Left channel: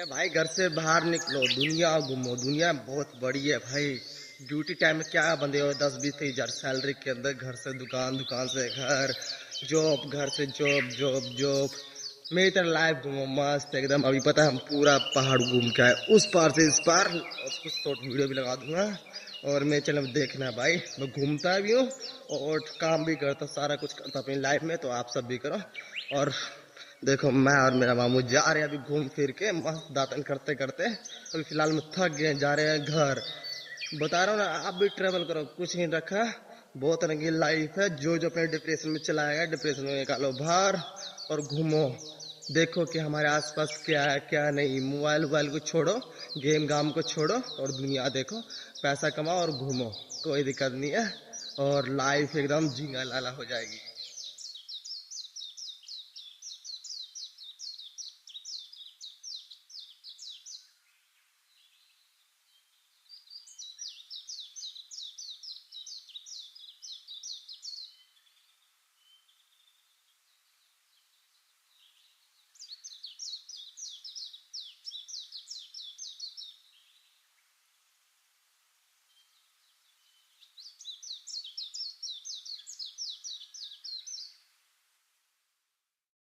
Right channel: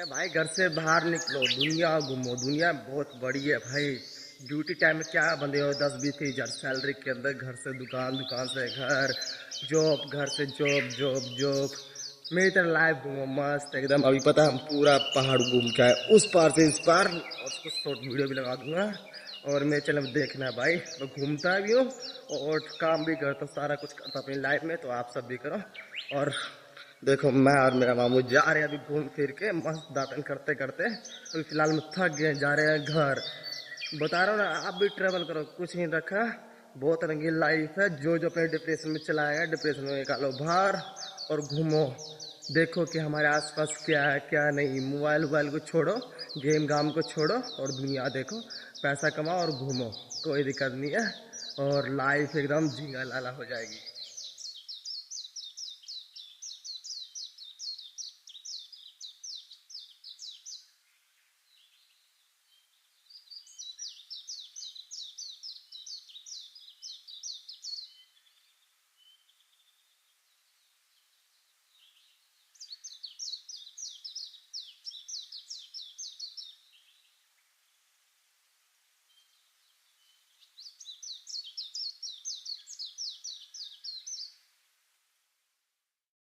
भाई घर से बाहर निकलो, दुनिया घूमो। दुनिया बहुत बड़ी है भाई। ड्यूटी टाइम में क्या बंदे हो, 10-20 हज़ार सैलरी के अंदर घर से दुकान, दुकान से घर, जॉब, घर से जॉब, जॉब जॉब। मेरी तरह लाइफ घूमो मस्त एकदम। अभी पता है हम पूरा पहाड़ घूम के आए, उस पार से इस पार, और उसको शॉर्ट वीडियो भी लगा दूंगा। और मेरे चैनल में देखना है भाई, मैं घूमता भी हूँ और काम भी करता, सारा कुछ करता अपनी लाइफ में। तो आप सब भी करो। और देखो मैं और मेरा मामू जा रहे हैं अभी घूम फिर के मस्त दातन करते करते। अभी फिलहाल में थक गए, जा रहे हैं घर। बता रहा हूँ ना, आप भी ट्रेवल करो, कुछ नहीं रखा। बहुत रंगीन लाइफ है। जो जो अपने डिप्रेशन में चला गया, डिप्रेशन में निकालो बाहर और घूमो। देखो कि हमारे आसपास क्या है क्या नहीं। मोबाइल वोबाइल को छोड़ो, गेम गाम को छोड़ो और दुनिया देखो। पैसा कमाओ और घूमो, कोई दिक्कत नहीं है। और लाइफ एकदम झींगा लाला हो जाएगी।